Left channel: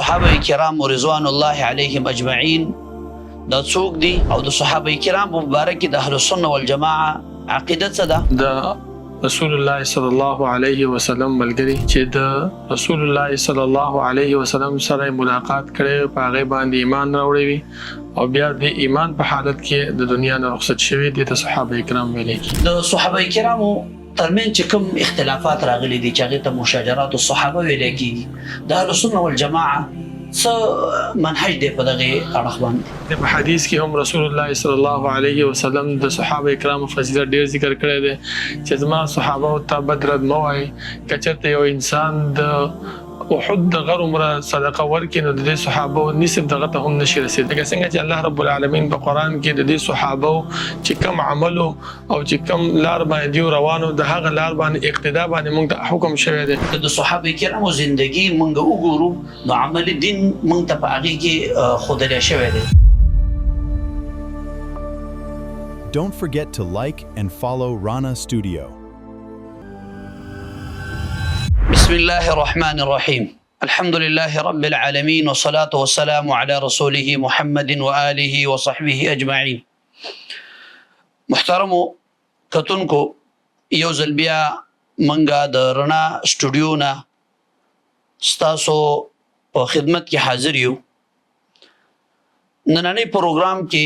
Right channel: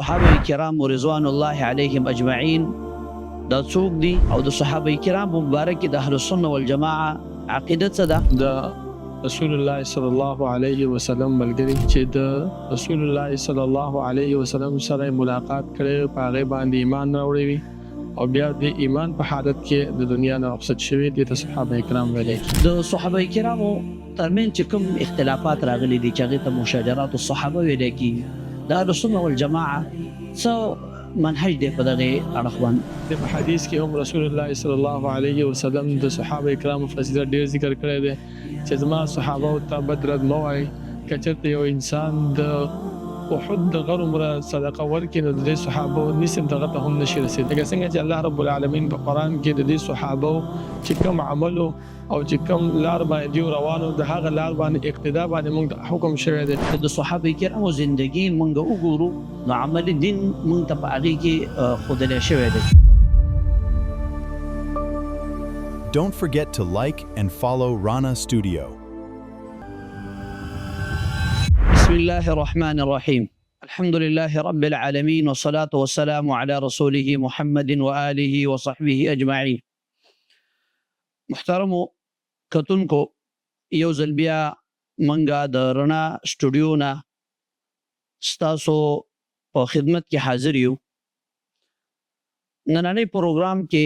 صحابه کرام رضوان الله علیهم اجمعین دا څوک دي او د صحابه کرام مبارک د اهل السنه والجماعه عقیده څه ده؟ د رسول الله صلی الله علیه وسلم ملګری چې د رسول الله صلی الله علیه وسلم سره ملاقات کړي په هغه باندې ایمان راوړي وي او بیا د ایمان په حالت کې د دنیا نه رخصت شوي دي د صحابه کرام ویل کی. د صحابه کرامو ترمن چې کوم اختلافات راغلي دي چې هغه ته مشاجرات الصحابه ویل کی، د اهل السنه والجماعه څه منهج دی په دغه اړه باندې؟ د حدیث کې هم رسول الله صلی الله علیه وسلم د صحابه کرامو فضیلت ډیر ذکر کړی دی چې زما صحابه او تبدرد موای کچته یو انسان د احد د غر عمره صدقه ورکړي نو د صحابه نسب دغه ته هم نشي رسید. لکه څنګه چې الله رب العالمین په قران کې د دې صحابه چې کوم عمل او چې کوم لار باندې روانو د هغه لار باندې اقتدا باندې موږ ته حکم شوی دی. د صحابه کرامو ژوندۍ موږ وګورو نو عمل دین موږ ته په هغه کې خودل شوی دی. Don't forget to like and follow Rana Studio. بسم الله الرحمن الرحيم. الحمد لله رب العالمين والصلاة والسلام على رسوله محمد وآله وصحبه أجمعين. محترمو کتونکو یو ځل بیا منګه د رڼا سټوډیو نه ستاسو په خدمت کې حاضر یو. نننی پروګرام کې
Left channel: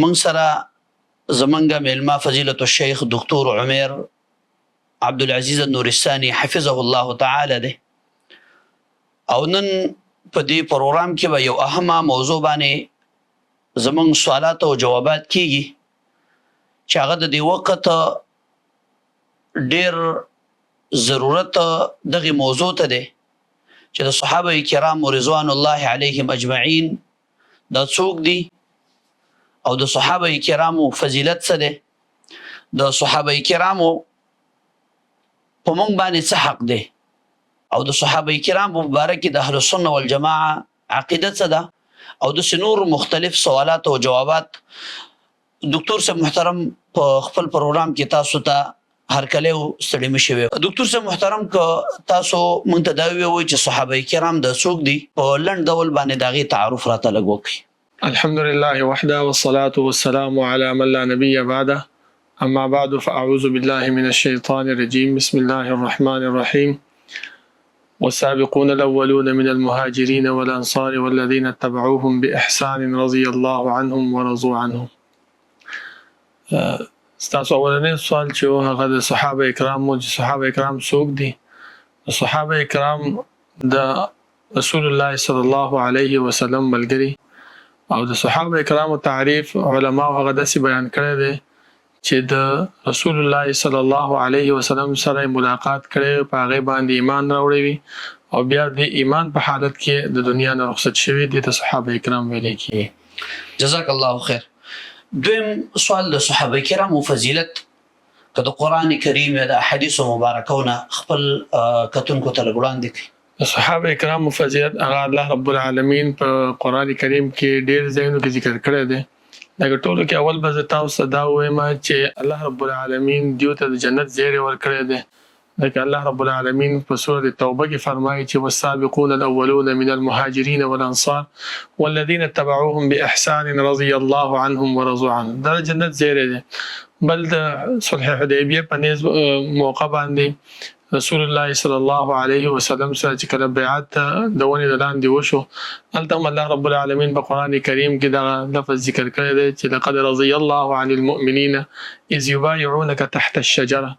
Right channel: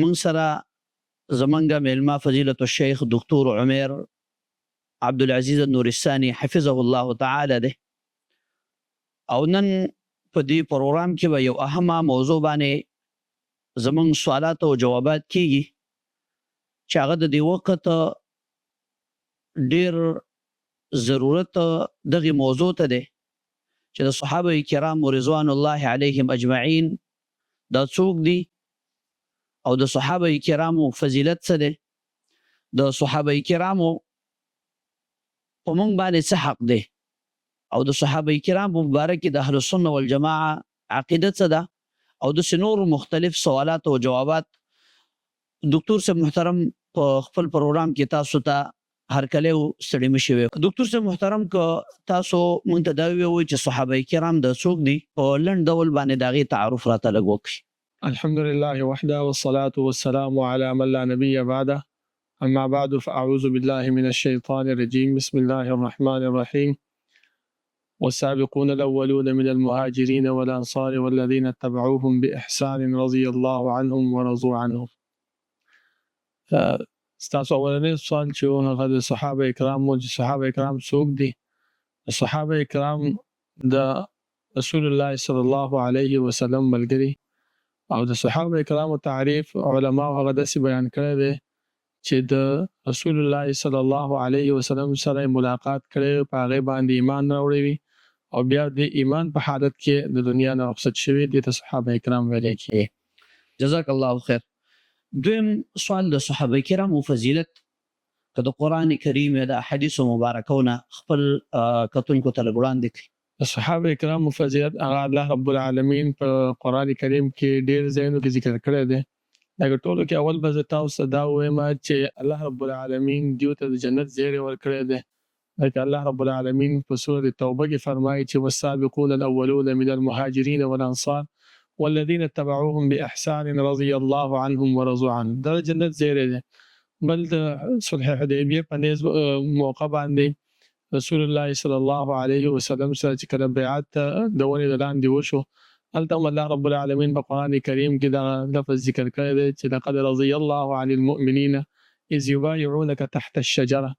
موږ سره زمونږ میلمه فضیلت الشیخ دکتور عمر عبدالعزیز النورستاني حفظه الله تعالی ده او نن په دې پروګرام کې به یو اهمه موضوع باندې زمونږ سوالات او جوابات کیږي چې هغه د دې وخت ډېر ضرورت دغه موضوع ته ده چې د صحابه کرام رضوان الله علیهم اجمعین دا څوک دي او د صحابه کرامو فضیلت څه ده، د صحابه کرامو په موږ باندې څه حق دی او د صحابه کرام مبارک د اهل السنه والجماعه عقیده څه ده او د نور مختلف سوالات او جوابات دکتور صاحب محترم په خپل پروګرام کې تاسو ته هر کله ستړي مشوي. دکتور صاحب محترم که تاسو مونږ ته دا وایي چې صحابه کرام د څوک دي په لنډ ډول باندې داغي تعارف راته لګ وکړي. الحمد لله وحده والصلاة والسلام على من لا نبي بعده. أما بعد فأعوذ بالله من الشيطان الرجيم. بسم الله الرحمن الرحيم. والسابقون الأولون من المهاجرين والأنصار والذين اتبعوهم بإحسان رضي الله عنهم ورضوا عنهم. ستاسو اولنی سوال چې هغه د صحابه کرام او صحابه کرام څوک دي؟ صحابه کرام د رسول الله صلی الله علیه وسلم ملګری او د صحابه کرام تعریف علما هغه داسې بیان کړی دی چې د رسول الله صلی الله علیه وسلم سره ملاقات کړي په هغه باندې ایمان راوړي وي او بیا د ایمان په حالت کې د دنیا نه رخصت شوي دي د صحابه کرام ویل کی. جزاک الله خیر. دویم سوال د صحابه کرامو فضیلت که د قران کریم یا د احادیث مبارکونه خپل کتونکو ته وړاندې کړي. صحابه کرامو فضیلت هغه الله رب العالمین په قران کریم کې ډېر ځایونو کې ذکر کړی دی. لکه ټولو کې اول به زه تاسو ته دا وایم چې الله رب العالمین دیو ته د جنت زیری ورکړی دی. لکه الله رب العالمین په سورة توبه کې فرمایي چې والسابقون الاولون من المهاجرين والانصار والذين اتبعوهم باحسان رضي الله عنهم ورضوا عنه. دا جنت زیری دی. بل د صلح حدیبیه په نیز موقع باندې رسول الله صلی الله علیه وسلم سره چې کله بیعت د ونې د لاندې وشو هلته هم الله رب العالمین په قرآن کریم کې دا لفظ ذکر کړی دی چې لقد رضي الله عن المؤمنین اذ یبایعونک تحت الشجره.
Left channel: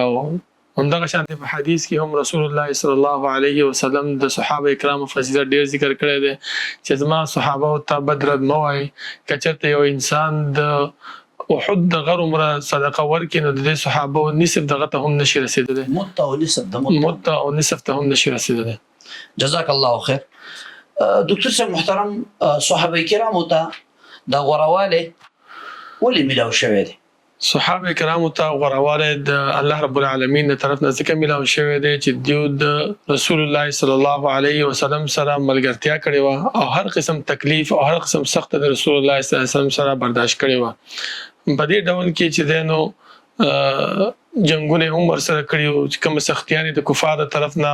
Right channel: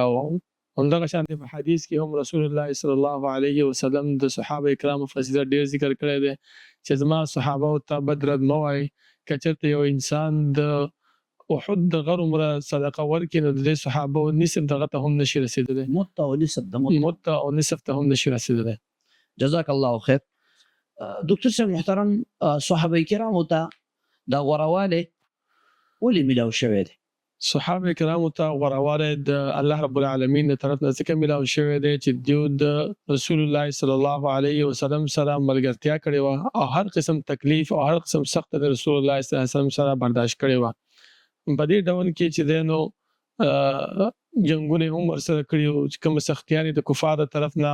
او همدغه شان په حدیث کې هم رسول الله صلی الله علیه وسلم د صحابه کرامو فضیلت ډیر ذکر کړی دی چې زما صحابه او تبدرد موای کچته یو انسان د احد د غر عمره صدقه ورکړي نو د صحابه نسب دغه ته هم نشي رسیدلی. مت او نسب ته هم نشي رسیدلی. جزاک الله خیر. دکتور صاحب محترم صحابه کرامو ته د غورواله ولې ملاو شوی دی؟ صحابه کرامو ته غورواله د الله رب العالمین د طرف نه ځکه ملاو شوی دی چې دیو د رسول الله صلی الله علیه وسلم سره ملګرتیا کړې وه او هر قسم تکلیف او هر قسم سخت د رسول الله صلی الله علیه وسلم سره برداشت کړې وه. په دې ډول کې چې دی نو جنگونه هم ورسره کړي او کوم سختیانې د کفار طرف نه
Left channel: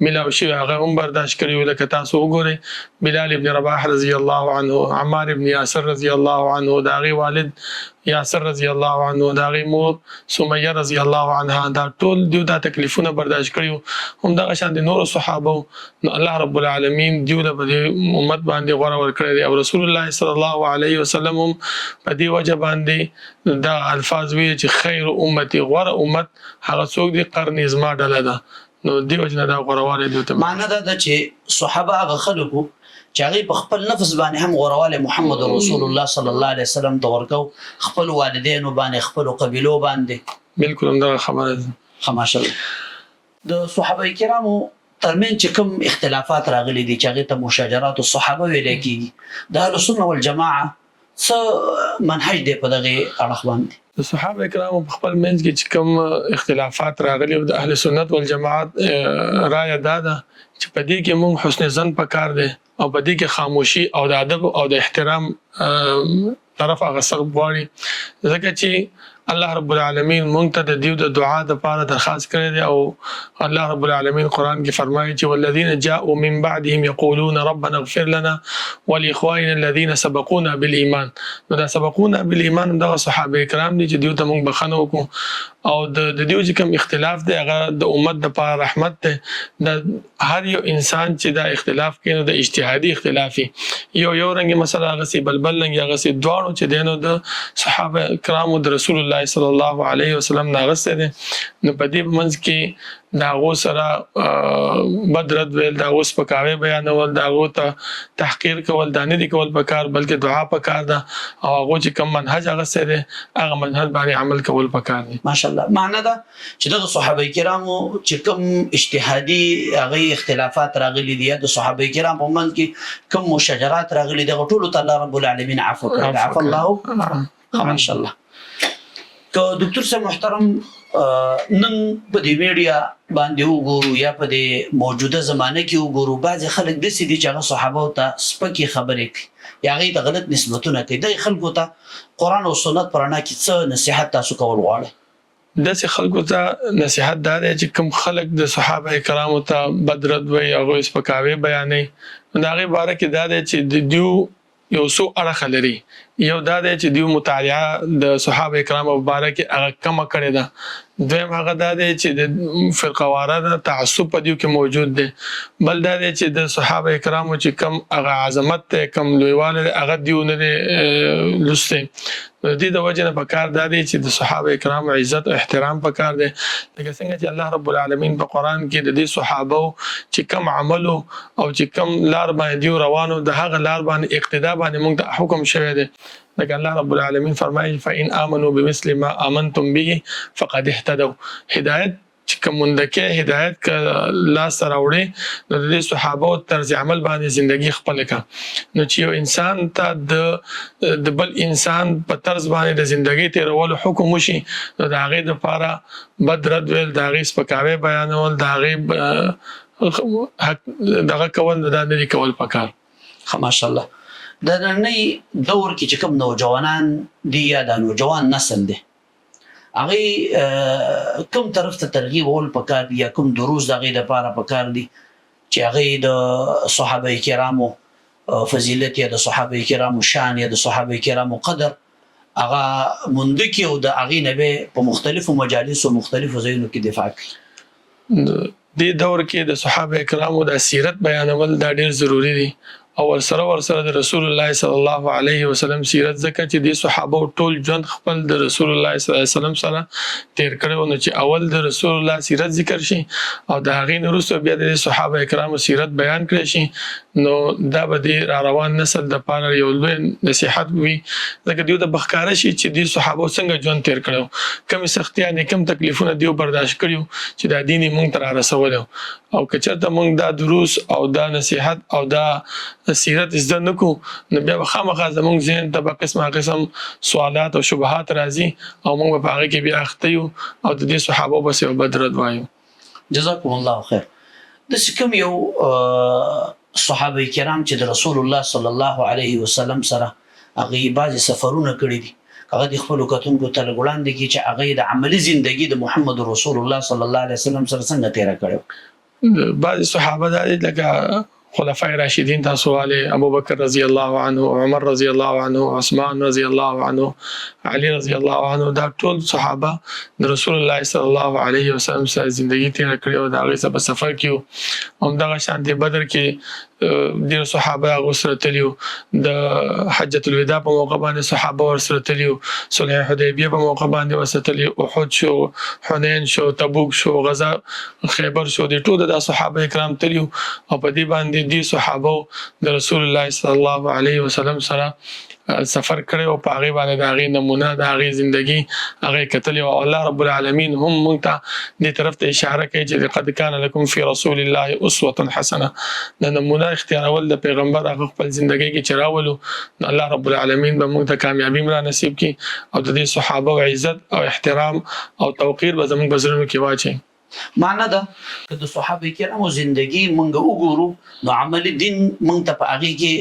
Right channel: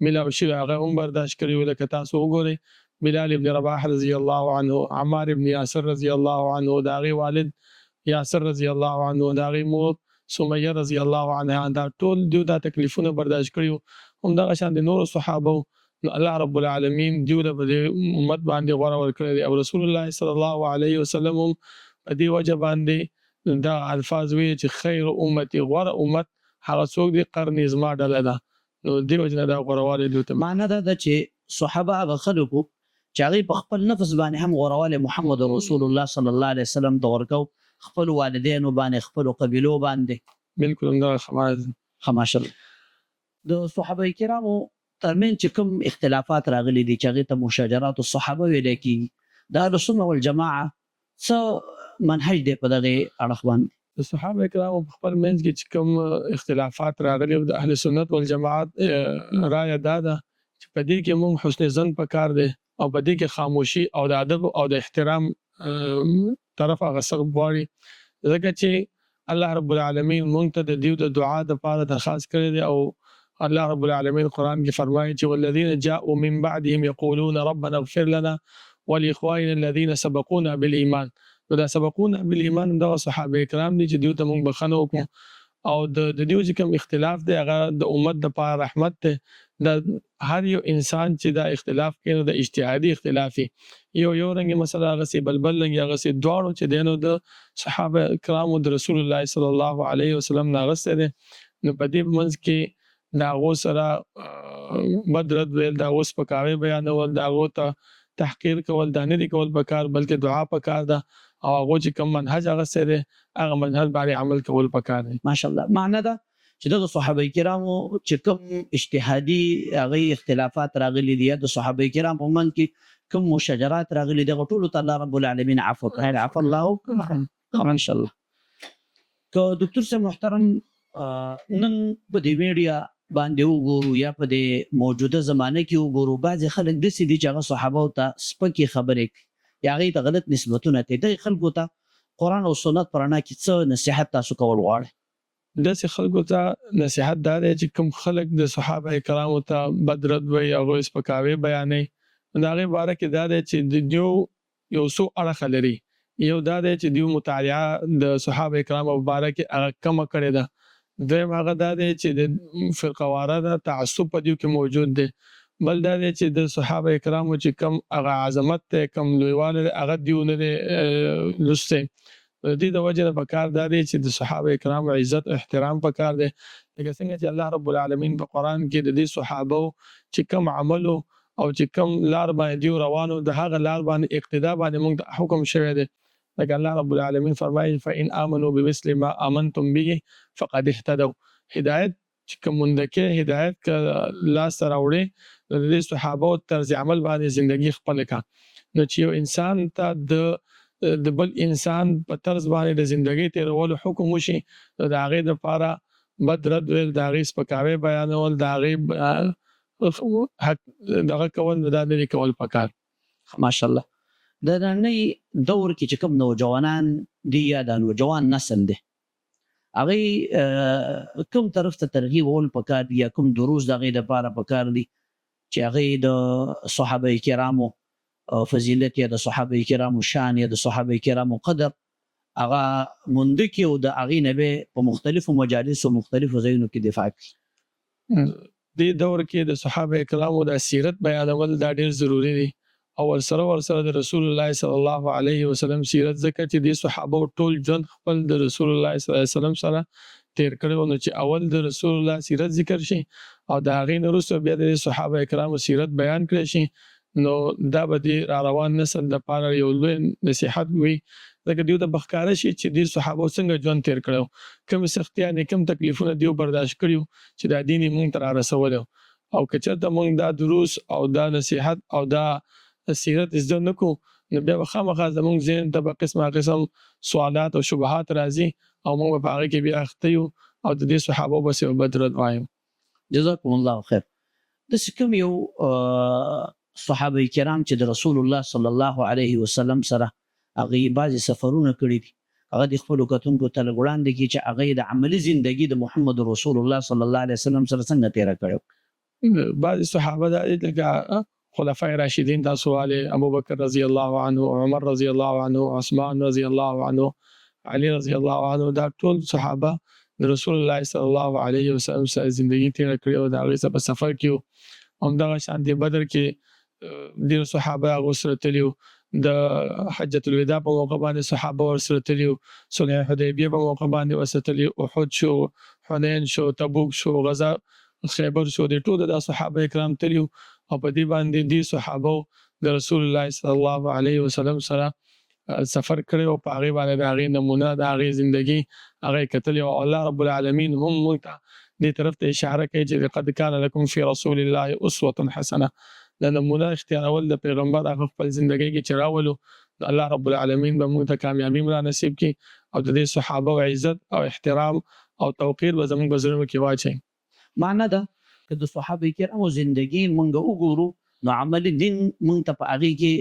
ملاو شوی هغه هم برداشت کړي. لکه تاسو وګورئ بلال ابن رباح رضی الله عنه، عمار ابن یاسر رضی الله عنه، د هغې والد یاسر رضی الله عنه، د هغې مور سمیه رضی الله عنها، دا ټول دیو دا تکلیفونه برداشت کړي. همدغه شان د نورو صحابو نو الله رب العالمین دیو له په دې امت باندې غوره ورکړی دی، او رسول الله صلی الله علیه وسلم هم په دې وجه باندې دا الفاظ ویل چې خیر امتي، غوره امت هغه څوک دی قرن زما ډله ده. نو دې وجه نه دا غوروالی دوی ته معنی دا ده چې صحابه هغه خلکو چې هغوی په خپل نفس باندې هم غوروالی محمد رسول الله صلی الله علیه وسلم ته ورکو، خپل والدینو باندې، خپلو قبیلو باندې. بالکل همدغه خبره ده. ماشاءالله. د صحابه کرامو ترمنځ چې کوم اختلافات راغلي دي چې هغې ته مشاجرات الصحابه ویلی کېږي، د اهلسنه والجماعه څه منهج دی په دغې اړخ باندې؟ د صحابه کرامو په خپل منځ کې چې کوم اختلافات راغلي د اهل سنت والجماعت رایه دا ده چې په دې کې موږ حسن ظن پکار دی، او په دې کې خاموشي او د ادب او د احترام طرف هغه سخت غواړي، ځکه چې الله رب العالمین مونږ ته د دیو د دعا دپاره درخواست کړی دی، او الله رب العالمین قرآن کې فرمایي چې والذین جاءوا من بعدهم یقولون ربنا اغفر لنا ولاخواننا الذین سبقونا بالایمان. نو دا سبقونا بالایمان دغه صحابه کرام دي چې دیو ته مونږ بخښنه وکړو، او د دیو چې کوم اختلاف دی هغه د امت دپاره رحمت دی. د هر یو انسان چې دا اختلاف کوي نو د اجتهادي اختلافي یو رنګې مسله هغسې بل رنګې هغسې دواړو چې دی نو د صحابه کرامو د رسول الله صلی الله علیه وسلم نه اغوستی دی. نو په دې منځ کې د هغو سره بد رد ویل، د هغو سپکاوی بیانول، د هغو ته تحقیر کول دا نه دي کول پکار، بلکې دعا پکار ده، او هغو چې کوم منهج اغوستی دی هغه منهج باندې عمل کول پکار دي. ماشاءالله. معنی ده چې دغه صحابه کرامو چې کوم اجتهادي هغې اختلافات راغلي دي یا د صحابه کرام په منځ کې کوم مشاجرات راغلي دي، هغه ټولو ته الله رب العالمین عفو کړی، عفو الله. ماشاءالله. که دکتور صاحب محترم نن په دې میډیا باندې وګورو یا په دې موجوده زمانه کې وګورو، بعضې خلک داسې دي چې هغه صحابو ته سپکې خبرې کوي یا هغې ته غلط نسبتونه کوي. دغې خلکو ته قرآن او سنت په رڼا کې څه نصیحت تاسو کول غواړئ؟ داسې خلکو ته نصیحت دا دی چې کوم خلک د صحابه کرامو ته بد رد وایي، هغوی سپکاوی بیانوي، نو د هغې باره کې دا دی چې د دیو یو څو اړخه لري. یو دا دی چې دیو مطالعه د صحابه کرامو په باره کې هغه کمه کړې ده. دویم هغه دا دی چې د فرقواره د تعصب په دیو کې موجود دی. بل دا دی چې د صحابه کرامو چې کم هغه عظمت دی، کم لویوالی دی، هغه دیو نه دی لوستی. د دې د وجې نه پکار دا دی چې د صحابه کرامو عزت او احترام پکار دی، لکه څنګه چې الله رب العالمین په قرآن کې د دې صحابو چې کم عملو او چې کم لار باندې دیو روانو د هغه لار باندې اقتدا باندې موږ ته حکم شوی دی. لکه الله رب العالمین فرمایي فإن آمنوا بمثل ما آمنتم به فقد اهتدوا. هدایت چې کوم مندکې هدایت که لاس ته راوړې نو د دې صحابو طرز عمل باندې زندگی خپله کړه. نو چې یو انسان ته د بل انسان په طرز باندې د زندگی تېرولو حکم وشي نو د هغې دپاره بد رد ویل، د هغې سپکاوی بیانول، د هغې دغه کول دا نه دي کول پکار. ماشاءالله. د نننۍ دور کې چې کوم نوجوانان دي یا د نوجوان نسل دی، هغې کوم طرف ته ترغیب ول پکار دي یا کوم دروس د هغې دپاره پکار دي چې هغې د صحابه کرامو فضیلت یا د صحابه کرامو شان یا د صحابه کرامو قدر هغه مونده کړي او د هغې نه به په مختلفو مجالسو مختلفو ځایونو کې دفاع کړي؟ دې دور کې د صحابه کرامو د سیرت بیانول دا ډېر ضروري دي، او ورسره د رسول الله صلی الله علیه وسلم سیرت، ځکه چې د صحابه ټول ژوند خپل د رسول الله صلی الله علیه وسلم سره تیر کړی، نو چې اول د رسول الله سیرت ذکر شي او د هغې نه وروسته بیا د صحابه کرامو سیرت بیان کړی شي، نو دا به د را روان نسل دپاره یو لوی نصیحت وي، ځکه دیو ته به ښکاره شي چې د صحابو څنګه ژوند تیر کړی، کومې سختیانې کوم تکلیفونه دیو برداشت کړي چې دا دین یې موږ ته را رسولی. او که چېرته موږ دا دروس او دا نصیحت او دا سیرت زده نه کړو نو بیا به خامخا زموږ ذهن ته به قسمه قسم سوالات او شبهات راځي او موږ به په هغې کې بیا اخته یو او د دې صحابو بس یو بد رد وایو. جزاکم الله خیر. داسې کوم یو صحابه کرام چې د رسول الله صلی الله علیه وسلم سره هغې بعضې سفرونه کړي دي، هغه د خپلو کتونکو ته لږ وړاندې کړي چې هغې د عملي زندګي د محمد رسول الله صلی الله علیه وسلم سره څنګه تېره کړې؟ بعض صحابه دا دي لکه خلفای راشدین تاسو والے ابو بکر رضی الله عنه، عمر رضی الله عنه، عثمان رضی الله عنه، علي رضی الله عنه، دا ټول صحابه د رسول الله صلی الله علیه وسلم سره ژوندۍ تیر کړې او دا غي سره سفر کیو. هم دغه شان دی بدر کې ډیر صحابه غسر تلیو، د حجۃ الوداع په موقع باندې صحابه ورسره تلیو، صلح حدیبیه په موقع باندې ورسره تلیو، احد شو، حنین شو، تبوک شو، غزا خیبر شو، د ټول د صحابه کرام تلیو او په دې باندې دي صحابه د رسول الله صلی الله علیه وسلم سره سفر کړی او په هغه باندې د هغې نمونه د هغې زندگی هغه کتلې او الله رب العالمین هم موږ ته دې طرف ته اشاره کوي چې لقد کان لکم فی رسول الله اسوه حسنه. د نمونه اختیارول د پیغمبر هغه خپل زندگی کې چې راولو، الله رب العالمین به موږ ته کامیابی را نصیب کړي او د دې صحابه عزت او احترام او توقیر به زموږ په زړونو کې واچوي. معنا ده که د صحابه کرامو زندگی مونږ وګورو نو عملی دین مونږ ته په هغې کې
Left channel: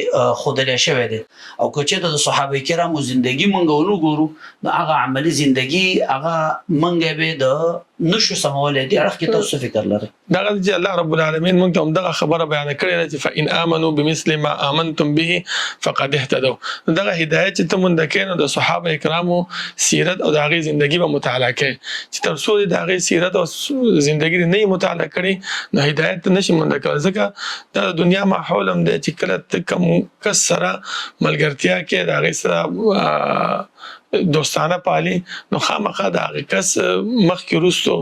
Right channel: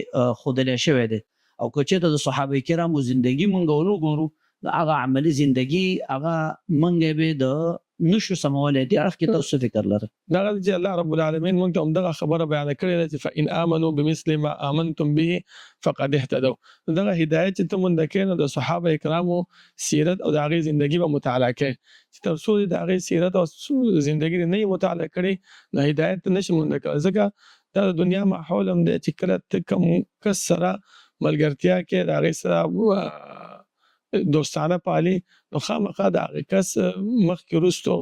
ښودلی شوی دی، او که چېرته د صحابه کرامو زندگی مونږ ونه ګورو نو هغه عملي زندگی هغه مونږ به د نشو سمولی. دې اړخ کې تاسو څه فکر لرئ؟ دغه چې الله رب العالمین موږ ته همدغه خبره بیان کړې ده چې فإن آمنوا بمثل ما آمنتم به فقد اهتدوا. دغه هدایت چې ته مونږ کې نو د صحابه کرامو سیرت او د هغې زندگی به مطالعه کوي چې تر څو د هغې سیرت او زندگی نه مطالعه کړي نو هدایت نشي مونږ کولی. ځکه د دنیا ماحول هم دی چې کله ته کوم کس سره ملګرتیا کې د هغې سره دوستانه پالي نو خامخا د هغې کس مخکې وروستو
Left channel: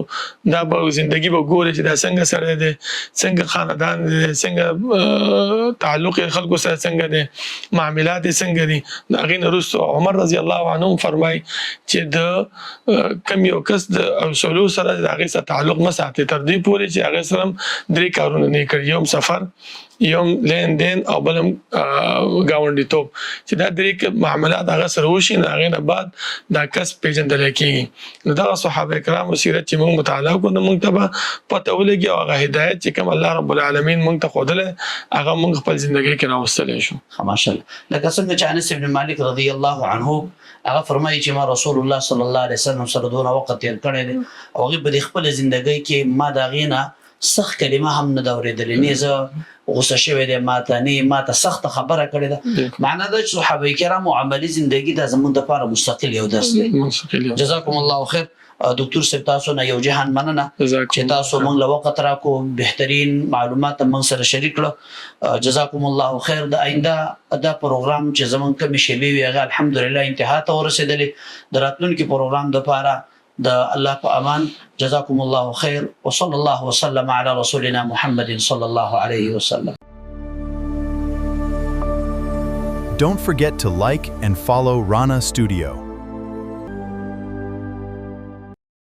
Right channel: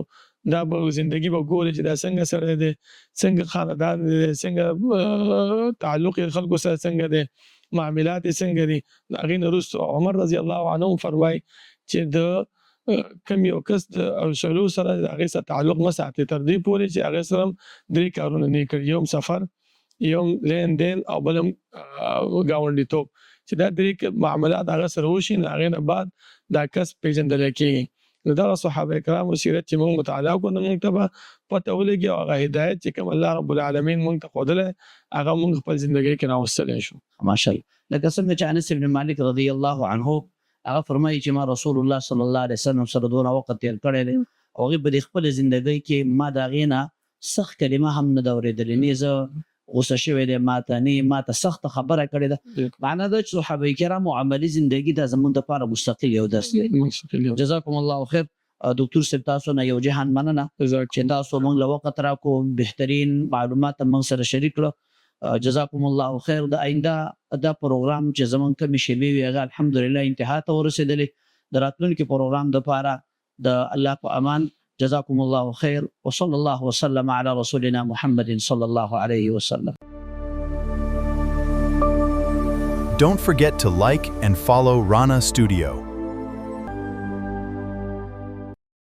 دا به زندگی به ګوري چې دا څنګه سړی دی، څنګه خاندان دی، څنګه تعلق یې خلکو سره څنګه دی، معاملات یې څنګه دي. د هغې نه وروستو عمر رضی الله عنه فرمایي چې د کوم یو کس د اوصلو سره د هغې سره تعلق نه ساتي تر دې پورې چې هغې سره هم 3 کارونه نه کړي، یو سفر، یو لین دین او بل ګاونډیتوب، چې دا 3 معاملات هغه سره وشي نو هغې نه بعد دا کس پیژندلی کېږي. نو دغه صحابه کرامو سیرت چې موږ مطالعه کړو نو موږ ته به پته ولګي او هغه هدایت چې کوم الله رب العالمین موږ ته ښودلی هغه موږ خپل زندګۍ کې راوستلی شو. ماشاءالله. لکه څنګه چې انس بن مالک رضی الله عنه هغه فرمایي چې ما رسول الله صلی الله علیه وسلم سره دونه وخت تیر کړی دی او هغې په خپل زندګۍ کې ما د هغې نه سخت کلمه هم نه ده اورېدلې، نه زه غصه شوی دی ماته، نه ماته سخته خبره کړې ده. معنا ده چې صحابه کرامو عملي زندگی دا زموږ دپاره مستقل یو درس دی. جزاکم الله خیر. دکتور صاحب تاسو نه یو جهان مننه چې تاسو موږ له وخت راکو، بهترین معلومات موږ سره شریک کړو. جزاکم الله خیر. د آینده دا پروګرام چې زموږ کومې شیبې وي هغه الحمدلله انتها ته ورسېدلې. د راتلونکي پروګرام دپاره د الله په امان. جزاكم الله خير وصلى الله وسلم على رسولنا محمد صلى الله عليه وسلم. Don't forget to like and follow Rana Studio.